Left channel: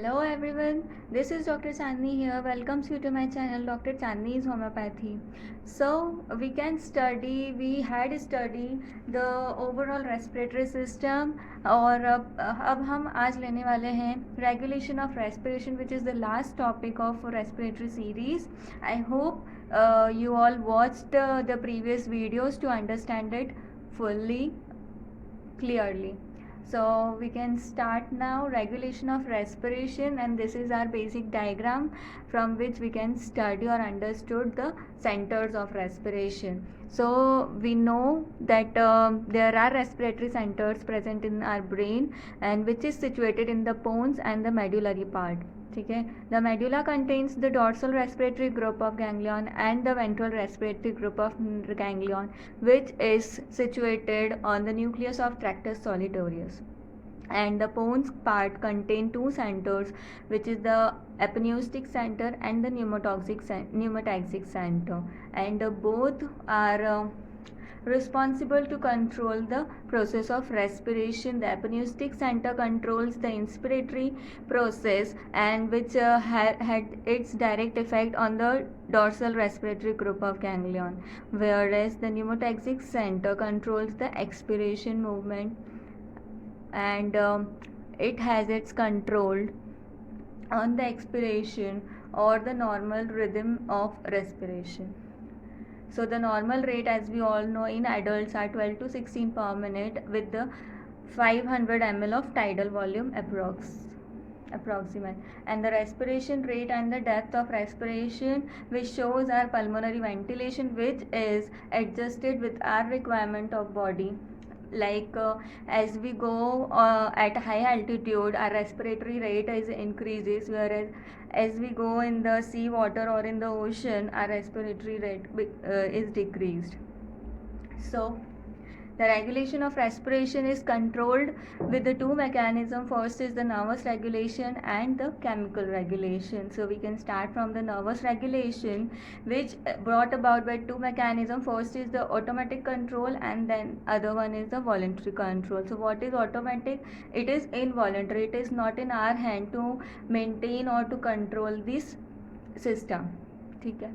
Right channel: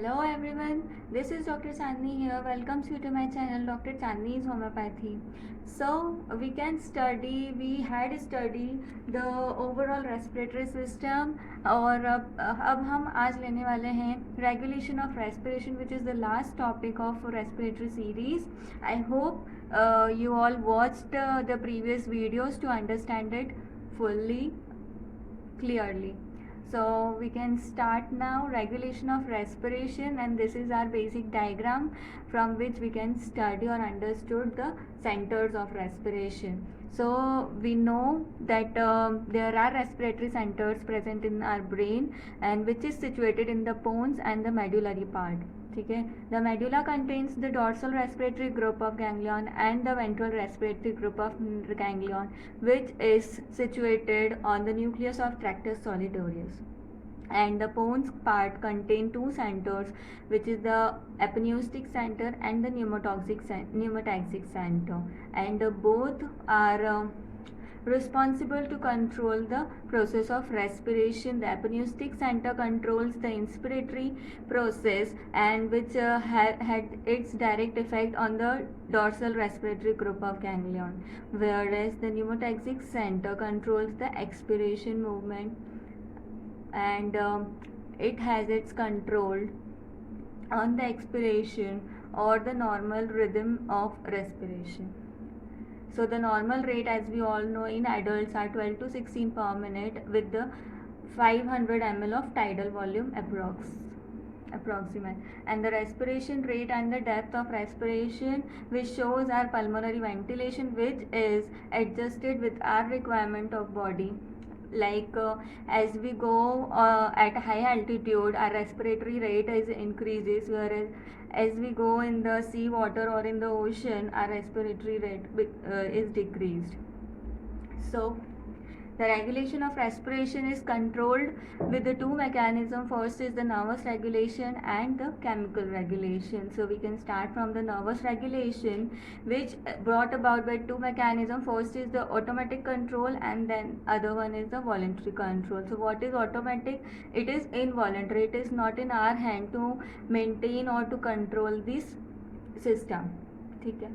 Hello everyone, this is Dr. Chandni here. Welcomes you to my channel Dr. Chandni's Homeopathy. So we had studied the overall respiratory system और अब हम आज लेने वाले हैं regulation of respiration, which is the last topic of respiratory series. I hope you all watched the previous videos to understand it fully, clearly. So we can start now. Regulation of respiration, and this is our basic diagram from which we can study or understood the centers of respiration. So we know that there are respiratory centers present in our brain, and which is situated in the pons and the medullary part. ठीक है. The medulla contains the dorsal respiratory group of ganglion and the ventral respiratory group of ganglion, which is situated on the nucleus of tractus solitarius. And the pons part contain two centers, which is the apneustic center and the pneumotaxic center, and both are responsible to control the process of respiration. The apneustic center controls the inspiratory process, and which had its direct effect on the dorsal respiratory group of ganglion, whereas the pneumotaxic center controls the expiration movement, and it has its control on the expiration or the normal rhythm of respiration. So the normal rate, as we all know, in adults are 12 to 16 per minute with the 500 ml of tidal volume approximate, and the respiration rate and the depth of respiration, which shows our pulmonary ventilation, which is adjusted with our requirement of body. Like as we go at high altitude, our respiratory rate is increases, whereas as we go in the sea water or in the ocean, our respiratory rate is decreased. So the regulation of respiration is controlled with the two mechanisms. First is the nervous regulation and the chemical regulation. So we can start from the nervous regulation, which brought about by two mechanisms. First is the automatic control, and then other one is the voluntary control. So what is automatic? It is involuntary. It is not in our hand to maintain or to control this system. ठीक है.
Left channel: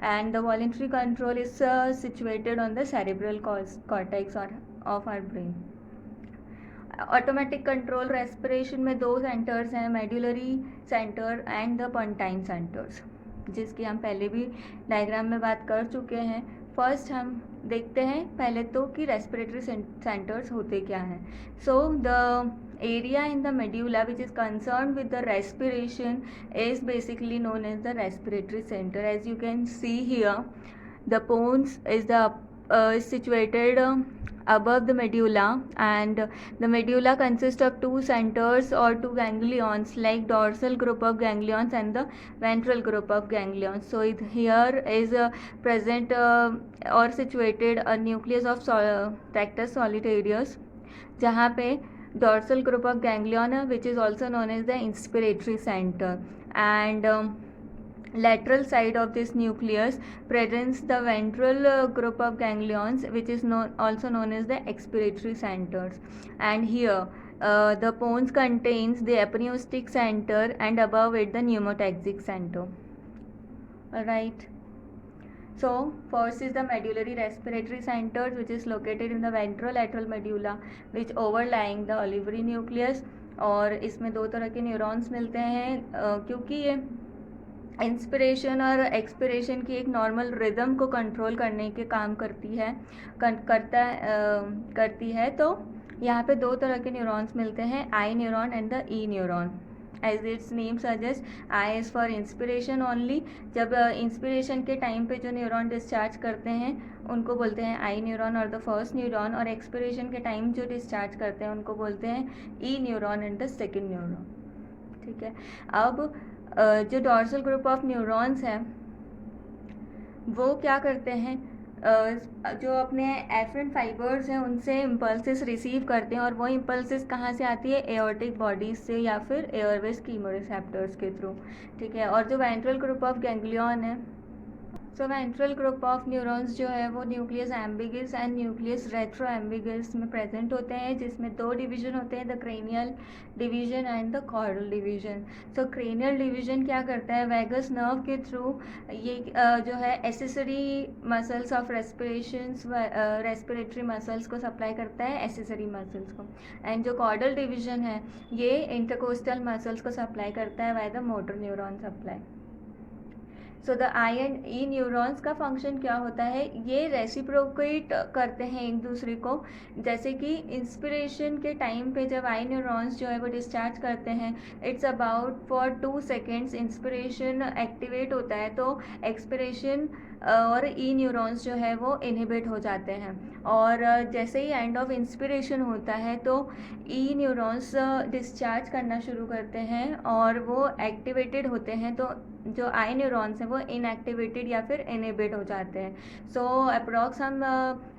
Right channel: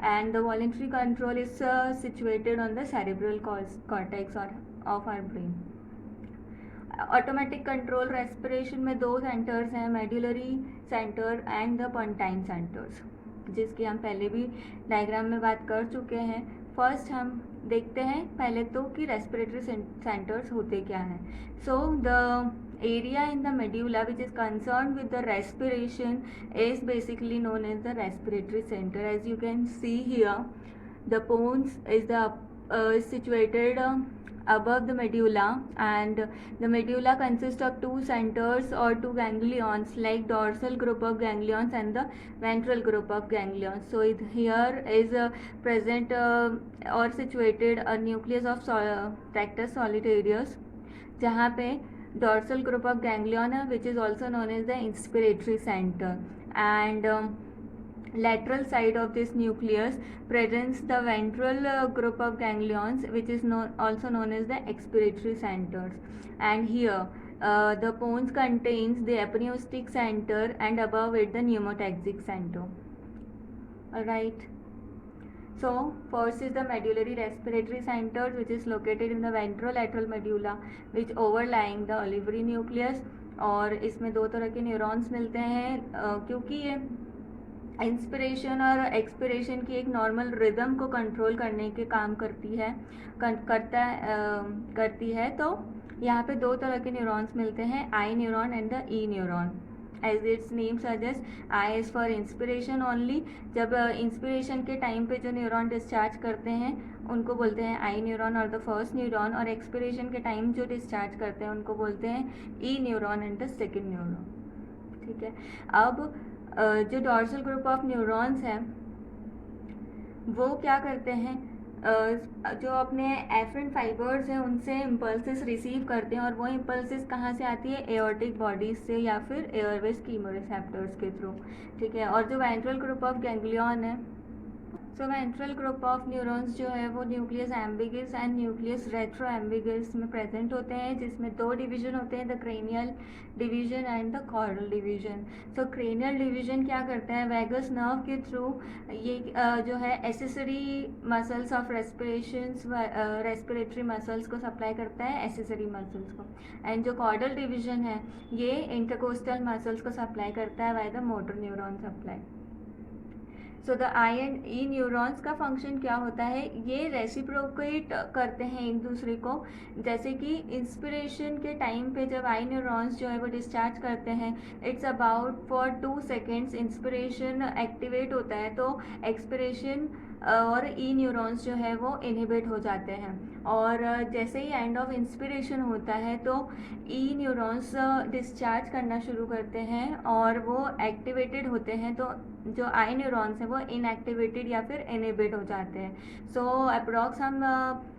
And the voluntary control is situated on the cerebral cortex or of our brain. Automatic control respiration में दो centres हैं, medullary centre and the pontine centres, जिसकी हम पहले भी diagram में बात कर चुके हैं. फर्स्ट हम देखते हैं पहले तो कि रेस्पिरेटरी सेंटर्स होते क्या हैं. So the area in the medulla which is concerned with the respiration is basically known as the respiratory center. As you can see here, the pons is situated above the medulla, and the medulla consists of two centers or two ganglions, like dorsal group of ganglions and the ventral group of ganglions. So here is present or situated a nucleus of tractus solitarius, जहाँ पे dorsal group of ganglion which is also known as the inspiratory center, and lateral side of this nucleus presents the ventral group of ganglions, which is also known as the expiratory centers. And here the pons contains the apneustic center, and above it the pneumotaxic center. Alright. So first is the medullary respiratory centers, which is located in the ventrolateral medulla, which overlying the olivary nucleus. और इसमें दो तरह के neurons मिलते हैं, क्योंकि ये inspiration और एक्सपिरेशन की एक नॉर्मल रिदम को कंट्रोल करने के काम करती है. तो यहाँ पे दो तरह के न्यूरॉन्स मिलते हैं, I neuron and the E neuron. As its name suggest, I is for inspiration only. जब इंस्पिरेशन के टाइम पे जो न्यूरॉन डिस्चार्ज करते हैं उनको बोलते हैं आई न्यूरॉन और द फर्स्ट न्यूरॉन, और एक्सपिरेशन के टाइम जो डिस्चार्ज करते हैं उनको बोलते हैं E neuron and the second neuron. ठीक है. अब जो डॉर्सल ग्रुप ऑफ न्यूरॉन्स हैं वो क्या करते हैं, जो अपने एफरेंट फाइबर्स हैं उनसे इम्पल्सेस रिसीव करते हैं, और वो इम्पल्सेस कहाँ से आती है, एओर्टिक बॉडीज से या फिर एयरवेज कीमोरिसेप्टर्स के थ्रू. ठीक है. और जो वेंट्रल ग्रुप ऑफ गैंग्लियन है, so ventral group of neurons जो है वो nucleus ambiguus and nucleus retro ambiguus में प्रेजेंट होते हैं, जिसमें दो डिवीजन होते हैं, the cranial division and the caudal division. So cranial division क्या करता है, वैगस नर्व के थ्रू ये जो है accessory muscles of respiratory muscles को सप्लाई करता है, एसेसरी मसल्स को। एंड जो कॉर्डल डिवीजन है ये इंटरकोस्टल मसल्स को सप्लाई करता है by the motor neuron supply. So the I and E neurons का फंक्शन क्या होता है, ये रेसिप्रोकेट करते हैं एक दूसरे को। जैसे कि इंस्पिरेशन के टाइम पे जब आई न्यूरॉन्स जो है वो डिस्चार्ज करते हैं, it's about for 2 seconds inspiration activate होता है, तो एक्सपिरेशन और ई न्यूरॉन्स जो है वो इनहिबिट हो जाते हैं। और जैसे ही एंड ऑफ इंस्पिरेशन होता है तो ई न्यूरॉन्स डिस्चार्ज करना शुरू करते हैं और वो एक्टिवेटेड होते हैं, तो जो आई न्यूरॉन्स हैं वो इनएक्टिवेटेड या फिर इनहिबिट हो जाते हैं। सो अप्रॉक्स हम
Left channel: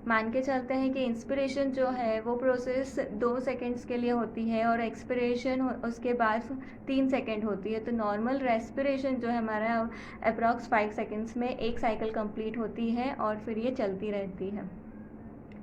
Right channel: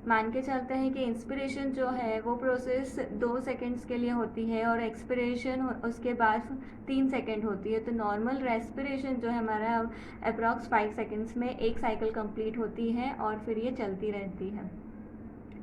मान के चलते हैं कि इंस्पिरेशन जो है वो प्रोसेस 2 सेकेंड्स के लिए होती है और एक्सपिरेशन उसके बाद 3 सेकेंड होती है। तो नॉर्मल रेस्पिरेशन जो है हमारा अप्रॉक्स 5 सेकेंड्स में एक साइकिल कंप्लीट होती है और फिर ये चलती रहती है।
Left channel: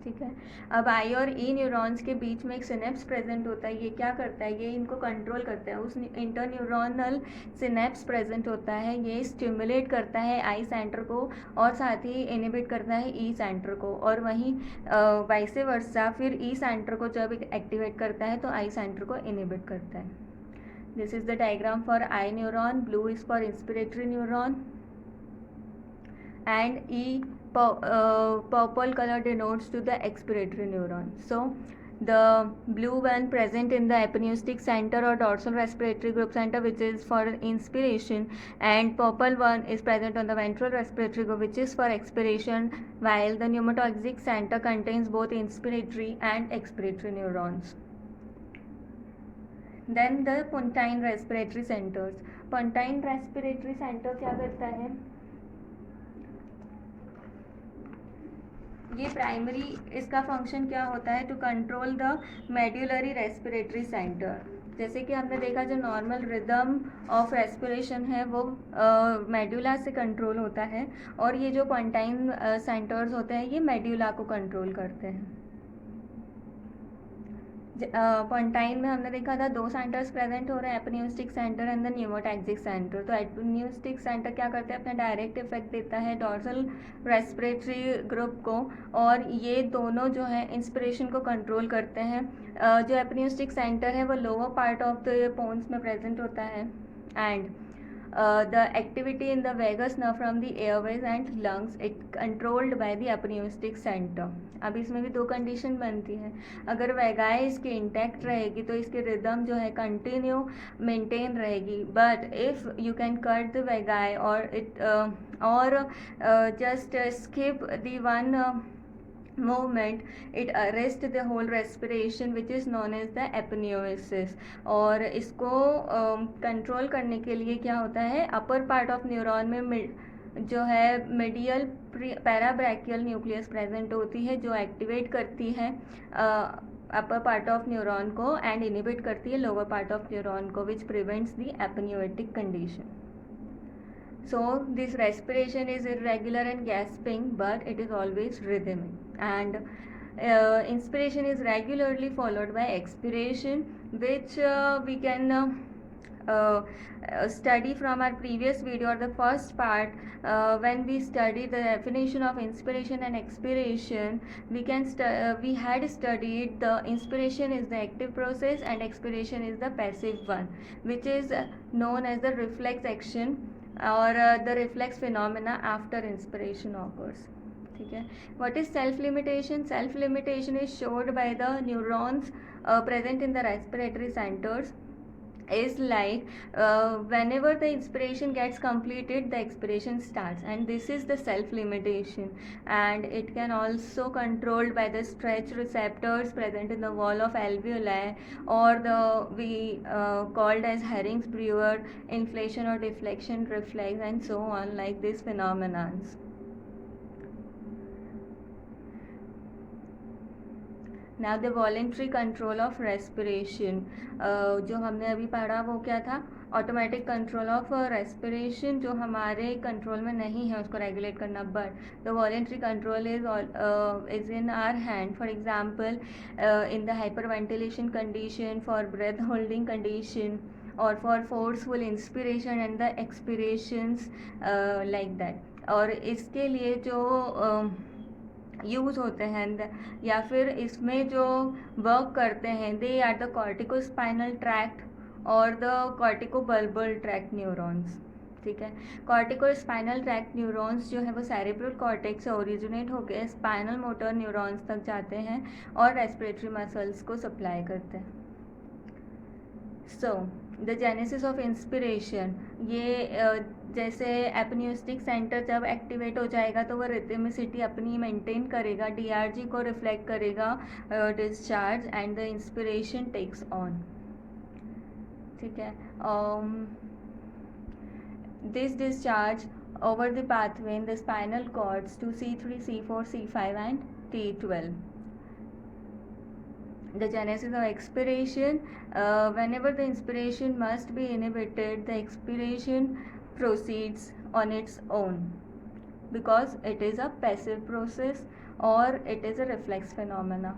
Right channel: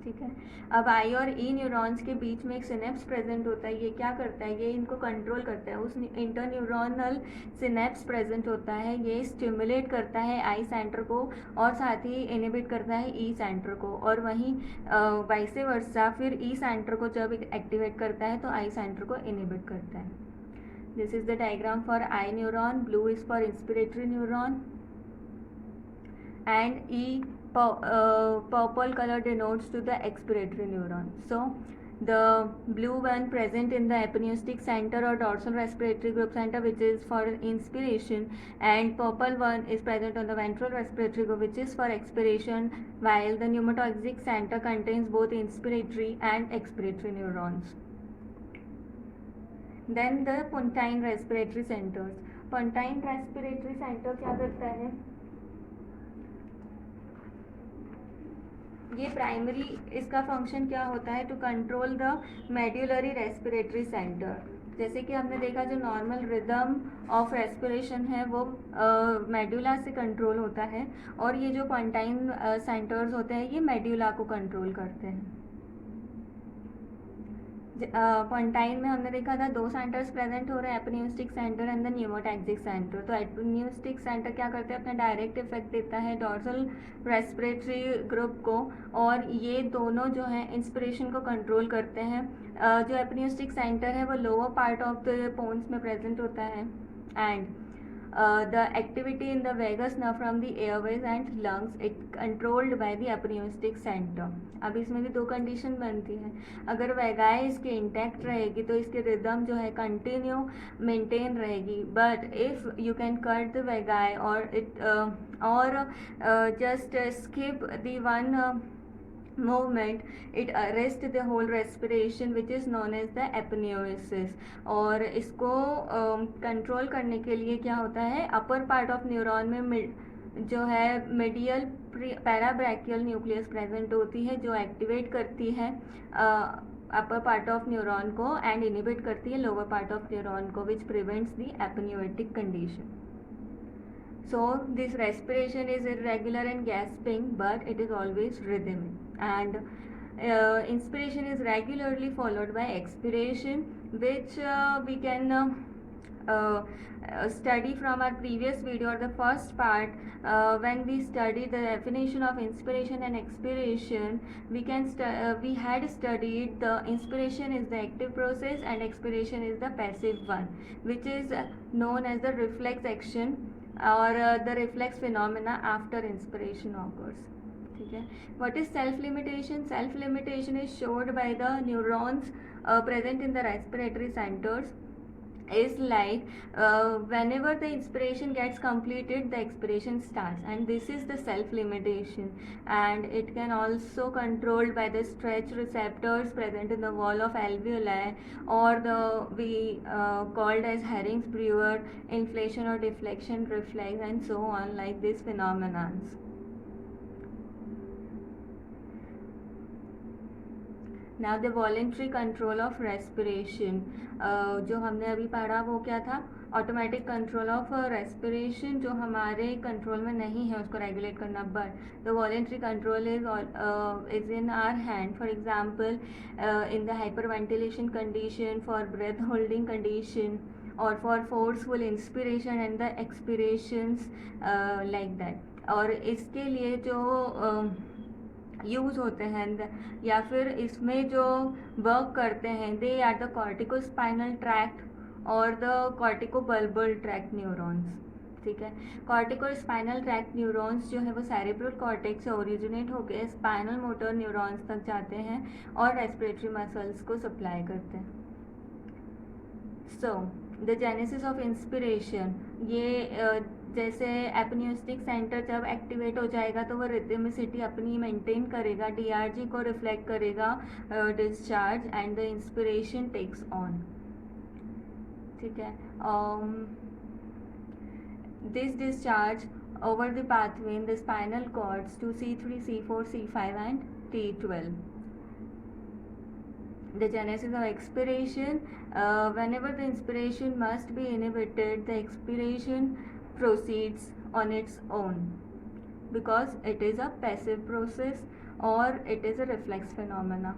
ठीक है। अब आई और ई न्यूरॉन्स के बीच में एक सिनेप्स प्रेजेंट होता है। ये क्या करता है, ये इनको कंट्रोल करता है। उस इंटरन्यूरोनल सिनेप्स प्रेजेंट होता है, ये स्टिमुलेट करता है आई सेंटर को और साथ ही इनहिबिट करता है ई सेंटर को। और वहीं वाइस वर्सा फिर ई सेंटर को जब एक्टिवेट करता है तो आई सेंटर को इनहिबिट करता है। This is the diagram for I neuron, blue is for inspiratory neuron and E purple color denotes to the expiratory neuron. So the blue one present in the epineustic center or dorsal respiratory group center, which is for inspiration, and purple one is present on the ventral respiratory group, which is for expiration, while the pneumatoxic center contains both inspiratory and expiratory neurons. Then the pontine respiratory centers. Pontine respiratory center क्या करता है, ये primary इसका function क्या होता है, to control the medullary respiratory centre. जैसे कि हमने देखा जो नॉर्मल रिदम ऑफ रेस्पिरेशन है वो मेड्यूला से कंट्रोल होता है, और ये जो पोंटाइन सेंटर्स होते हैं ये मेड्यूला को कंट्रोल करते हैं। पोंटाइन में हमने देखा था 2 सेंटर्स प्रेजेंट हो रहे हैं, apneustic centre and the pneumotaxic centre. तो एपिन्यूस्टिक सेंटर क्या करता है, अपना डायरेक्ट इफेक्ट देता है डॉर्सल रेस्पिरेटरी ग्रुप को, और ये दोनों जो है इंस्पिरेशन को कंट्रोल करते हैं। जो एपिन्यूस्टिक सेंटर है वो lower part of the pons में प्रेजेंट होता है, and the activity in the vagus nerve from the airways and lungs it controlled by the epineustic center। अब इसमें भी 2 कंडीशन बनती हैं। अगर वेगाए इसकी इंटैक्ट रहेगी तो इसकी रिदम जो है कंटिन्यू मेंटेन रहेगी, but if you can cut the vagi or it or just skip the one movement, it arrest the whole respiration which is known as the apneusis। और इसको कंट्रोल करने के लिए क्या होता है, अपर पार्ट ऑफ न्यूरॉन में जो है मीडियल पैराब्रैकियल न्यूक्लियस प्रेजेंट होती है, जो एक्टिवेट करती है अपर पार्ट ऑफ न्यूरॉन को एंड इनहिबिट करती है लोअर पार्ट ऑफ न्यूरॉन को, which prevents the apneustic condition. So this respiration is irregular and gasping, but it is always rhythmic, and inspiration is regularly followed by expiration, which we can study from our previous video or the first part. When we studied the definition of inspiration and expiration, we had studied the inspiration is the active process and expiration is the passive one, which is known as the reflex action or the reflex phenomena after inspiration occurs। ठीक है। What is self limitation? Self limitation is showed by the neurons present in the respiratory centers, is like whenever the inspiration gets completed the expiration starts, and this is the self limitation, and it can also controlled by the stretch receptors present in the wall of alveoli, or the we called as Herrings-Brewer inflation or deflection reflex, and so on, like these phenomenons। Now the voluntary control of respiration, जो हमने अभी पढ़ा वो क्या था, automatic control of respiration, जो हमारे control में नहीं है उसको रेगुलेट करना, but the voluntary control is in our hand. For example in the hyperventilation condition, for breath holding condition, और for forceful inspiration and the expirations like that. और इसके लिए जो यूज़ होते हैं या फिर इसमें जो वर्क करते हैं, they are the corticospinal tract और द कॉर्टिकोबल्बल ट्रैक्ट न्यूरॉन्स. ठीक है, कॉर्टिकोस्पाइनल ट्रैक्ट न्यूरॉन्स जो है वो सेरेब्रल कॉर्टेक्स से ओरिजिनेट होकर स्पाइनल मोटर न्यूरॉन्स तक जाते हैं और रेस्पिरेटरी मसल्स को सप्लाई करते हैं. So the genesis of inspiration, ये जैसे एपन्यूस्टिक सेंटर जब एक्टिवेट हो जाएगा तो वो रिथमिसिटी अपनी मेंटेन करेगा, डीआरजी को रिफ्लेक्ट करेगा discharge, and the inspiration takes on. ठीक है, this discharge over the pathway in the spinal cords to C3, C4, C5 and T12. The genesis of expiration, whenever the inspiration must be inhibited, the expiration proceeds on its own because it is a passive process or it is a reflex phenomena.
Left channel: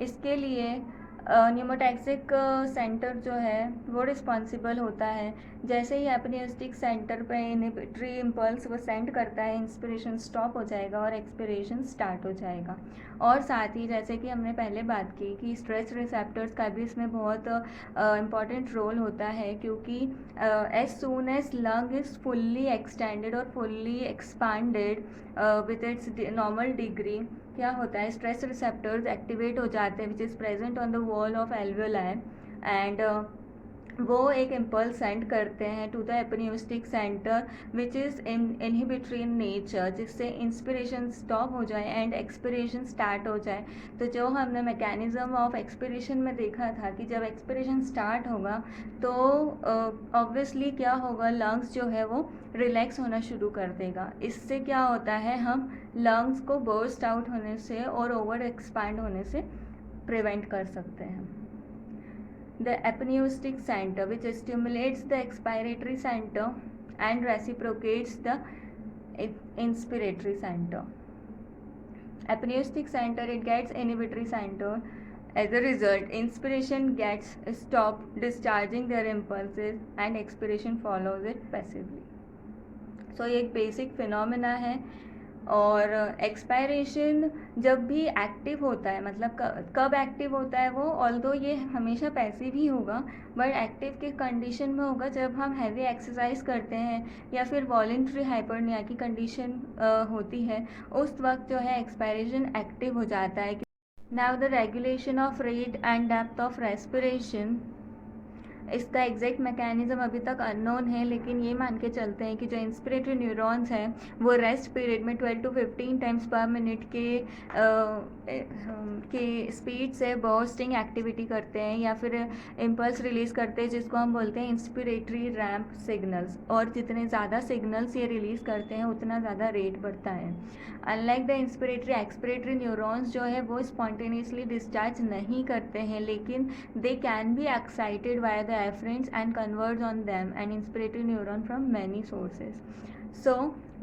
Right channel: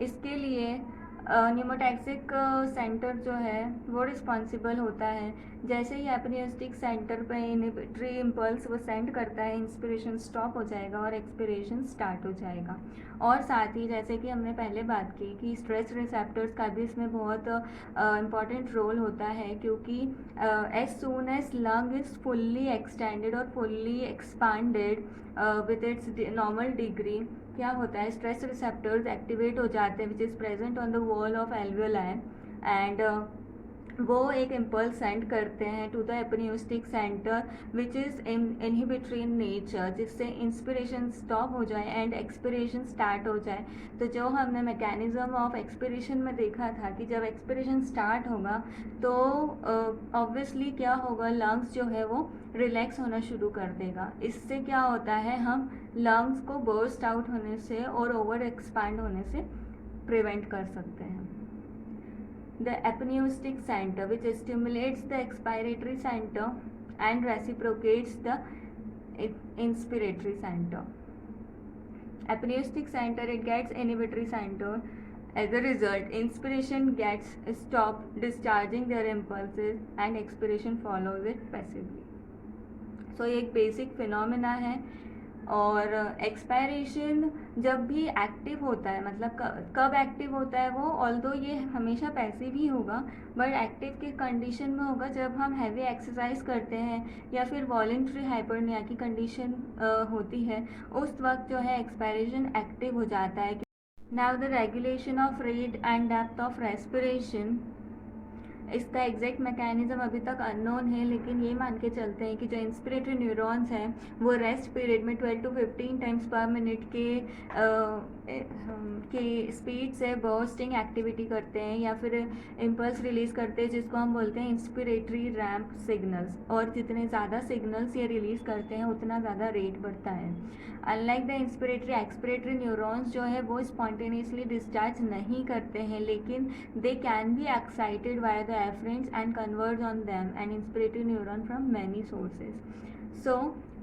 इसके लिए pneumotaxic centre जो है वो responsible होता है. जैसे ही एपनिस्टिक centre पे inhibitory impulse वो सेंड करता है, इंस्पिरेशन स्टॉप हो जाएगा और एक्सपिरेशन स्टार्ट हो जाएगा. और साथ ही जैसे कि हमने पहले बात की कि स्ट्रेस रिसेप्टर्स का भी इसमें बहुत इम्पॉर्टेंट रोल होता है, क्योंकि as soon as lung is fully extended और fully expanded with its normal degree, क्या होता है, स्ट्रेस रिसेप्टर्स एक्टिवेट हो जाते हैं which is present on the wall of alveoli, and वो एक इम्पल्स सेंड करते हैं to the apneustic centre which is inhibitory in nature, जिससे इंस्पिरेशन स्टॉप हो जाए एंड एक्सपिरेशन स्टार्ट हो जाए. तो जो हमने मैकेनिज्म ऑफ एक्सपिरेशन में देखा था कि जब एक्सपिरेशन स्टार्ट होगा तो ऑब्वियसली क्या होगा, लंग्स जो है वो रिलैक्स होना शुरू कर देगा. इससे क्या होता है, हम लंग्स को बर्स्ट आउट होने से और ओवर एक्सपांड होने से प्रिवेंट कर सकते हैं. The apneustic center which stimulates the expiratory center and reciprocates the inspiratory center. Apneustic center, it gets inhibitory center. As a result, inspiration gets stopped discharging their impulses and expiration follows it passively. So ये एक basic phenomena है. और expiration जब भी active होता है, मतलब कब एक्टिव होता है वो, ऑल्दो ये हमेशा पैसिव ही होगा, बट एक्टिव के कंडीशन में होगा जब हम हैवी एक्सरसाइज करते हैं या फिर वॉलेंट्री हाइपरनिया की कंडीशन होती है, उस वक्त जो है एक्सपायरेशन एक्टिव हो जाता है. Now the regulation of rate and depth of respiration, इसका एग्जैक्ट मैकेनिज्म अभी तक अननोन है, लेकिन ये मान के चलते हैं कि जो इंस्पिरेटरी न्यूरॉन्स हैं वो रेस्ट पीरियड में 12 to 15 टाइम्स पर मिनट के स्पीड से बर्स्टिंग एक्टिविटी करते हैं या फिर इम्पल्स रिलीज़ करते हैं, जिसको हम बोलते हैं इंस्पिरेटरी रैम्प सिग्नल्स. और जितने ज़्यादा सिग्नल्स ये रिलीज़ करते हैं उतना ज़्यादा रेट बढ़ता है. Unlike the inspiratory, expiratory neurons जो है वो स्पॉन्टेनियसली डिस्चार्ज नहीं करते हैं, लेकिन they can be excited by the efferents and converge on them and inspiratory neuron from many sources. So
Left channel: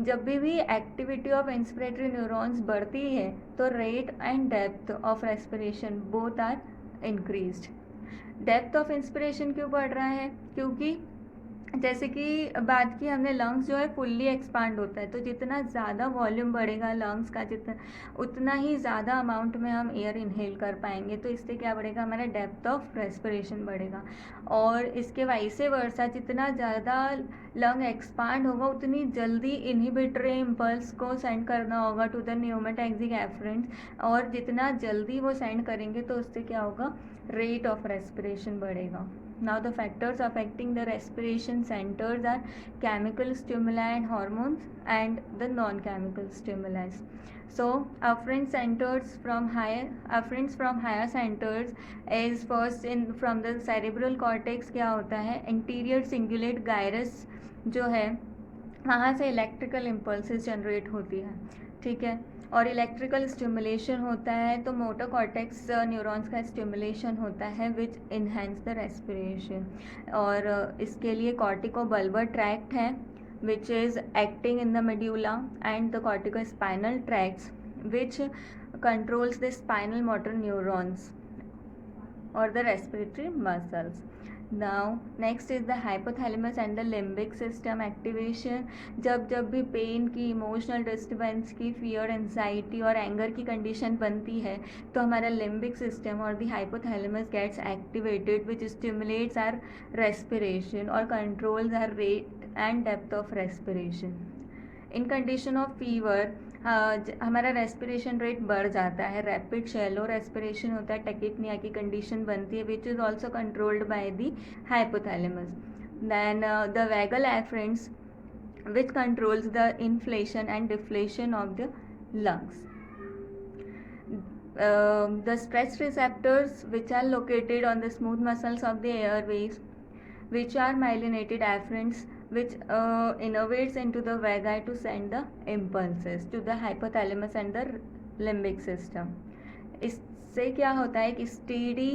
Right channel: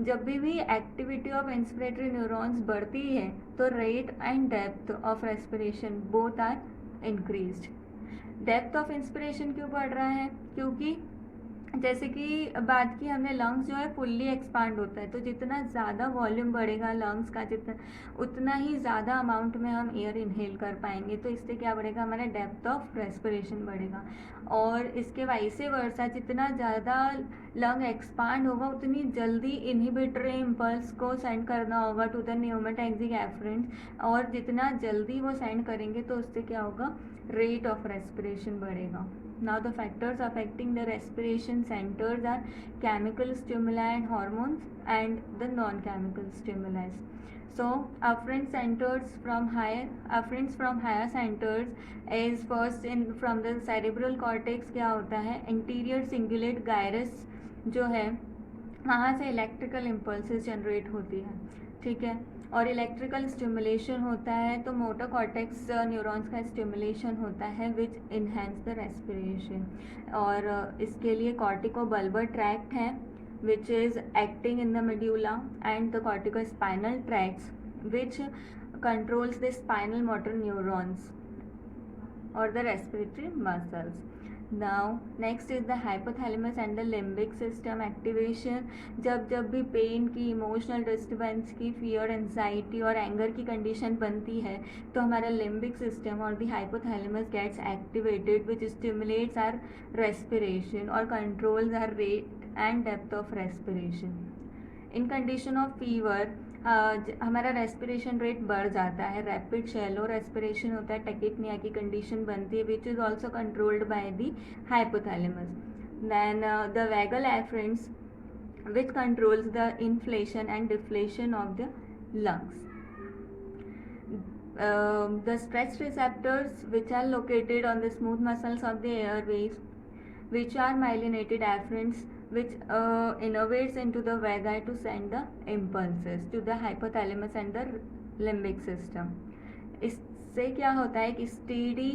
जब भी एक्टिविटी ऑफ इंस्पिरेटरी न्यूरॉन्स बढ़ती है तो rate and depth of respiration both are increased. Depth of inspiration क्यों बढ़ रहा है, क्योंकि जैसे कि बात की हमने, लंग्स जो है फुल्ली एक्सपांड होता है, तो जितना ज़्यादा वॉल्यूम बढ़ेगा लंग्स का, जितना उतना ही ज़्यादा अमाउंट में हम एयर इनहेल कर पाएंगे. तो इससे क्या बढ़ेगा, हमारा डेप्थ ऑफ रेस्पिरेशन बढ़ेगा. और इसके वाइसे वर्सा, जितना ज़्यादा लंग एक्सपांड होगा उतनी जल्दी इनहिबिटरी इम्पल्स को सेंड करना होगा टू द न्यूमोटैक्सिक एफरेंट्स, और जितना जल्दी वो सेंड करेंगे तो उससे क्या होगा, रेट ऑफ रेस्पिरेशन बढ़ेगा. Now the factors affecting the respiration centers are chemical stimuli and hormones and the non-chemical stimuli. So afferent centers from higher centers is first in from the cerebral cortex. क्या होता है, anterior cingulate gyrus जो है वहाँ से electrical impulses generate होती है. ठीक है, और इलेक्ट्रिकल स्टिमुलेशन होता है तो मोटर कॉर्टेक्स न्यूरॉन्स का स्टिमुलेशन होता है विच इन्हेंस द रेस्पिरेशन। और इसके लिए कॉर्टिकोबल्बर ट्रैक्ट है which is acting in the medulla and the corticospinal tracts which controls the spinal motor neurons or the respiratory muscles. Now next is the hypothalamus and the limbic system activation। जब भी pain की, emotional disturbance की, fear, anxiety और anger की condition बनती है तो हमारा लिम्बिक सिस्टम और the hypothalamus gets activated which stimulates our respiration और controls our rate and depth of respiration. In condition of fever हमारा रेस्पिरेशन रेट बढ़ जाता है, रैपिड शैलो रेस्पिरेशन होता है, टैकिपनिया की कंडीशन बनती है which is also controlled by the hypothalamus. Then the vagal afferents which controls the inflation and deflation of the lungs। The stress receptors which are located on the smooth muscles of the airways which are myelinated afferents which innervates into the vagal to send the impulses to the hypothalamus and the limbic system। इससे क्या होता है कि steady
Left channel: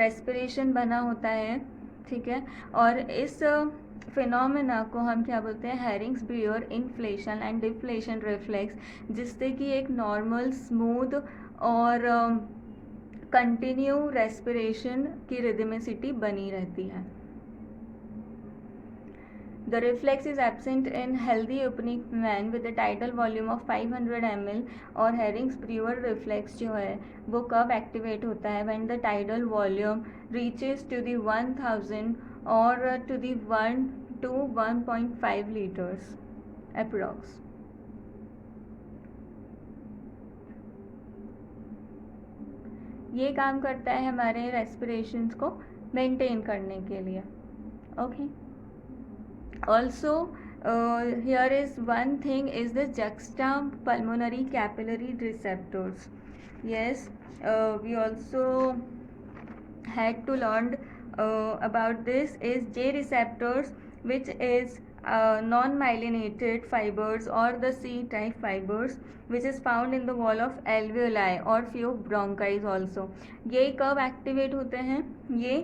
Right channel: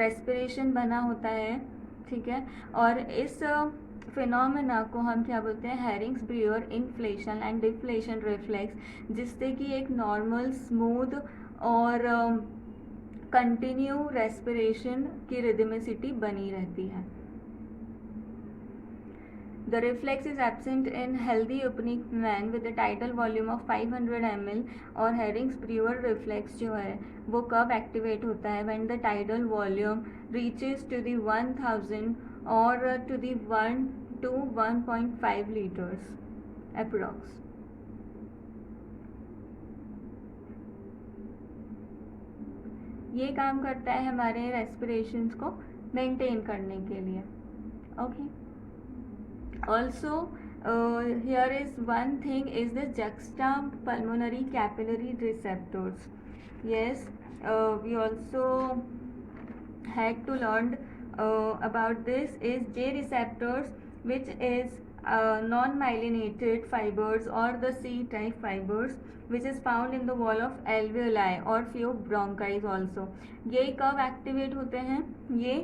respiration बना होता है, ठीक है। और इस फिनोमेना को हम क्या बोलते हैं, Hering's Breuer inflation and deflation reflex, जिससे कि एक नॉर्मल स्मूथ और कंटिन्यू रेस्पिरेशन की रिदमिसिटी बनी रहती है। The reflex is absent in healthy opening man with a tidal volume of 500 ml और Herrings-Brewer reflex जो है वो कब एक्टिवेट होता है, when the tidal volume reaches to the 1000 or to the 1 to 1.5 liters approx। ये काम करता है हमारे रेस्पिरेशंस को मेंटेन करने के लिए। Okay, also here is one thing is the juxtapulmonary capillary receptors। yes, we also had to learn about this is J receptors which is non-myelinated fibers or the C-type fibers which is found in the wall of alveoli or few bronchi also। ये कब activate होते हैं, ये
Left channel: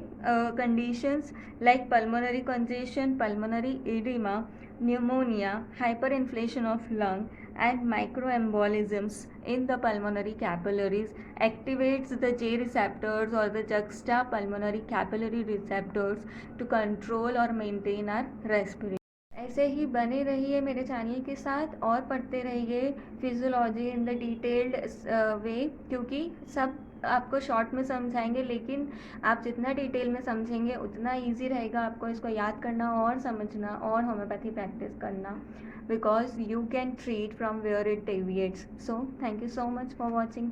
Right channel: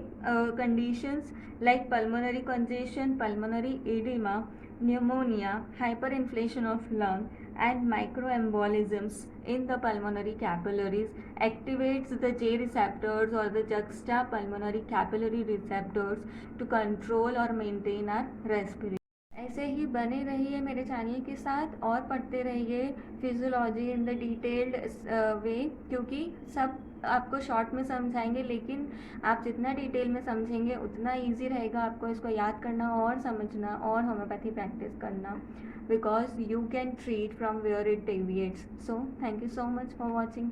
conditions like pulmonary congestion, pulmonary edema, pneumonia, hyperinflation of lung and microembolisms in the pulmonary capillaries activates the J receptors or the juxtapulmonary capillary receptors to control or maintain our respiration। ऐसे ही बने रहिए मेरे channel के साथ और पढ़ते रहिए physiology in the detailed वे, क्योंकि सब आपको शॉर्ट में समझाएंगे, लेकिन आप जितना डिटेल में समझेंगे उतना इजी रहेगा आपको इसको याद करना और समझना और होम्योपैथी प्रैक्टिस करना, because you can treat from where it deviates. So thank you so much for watching.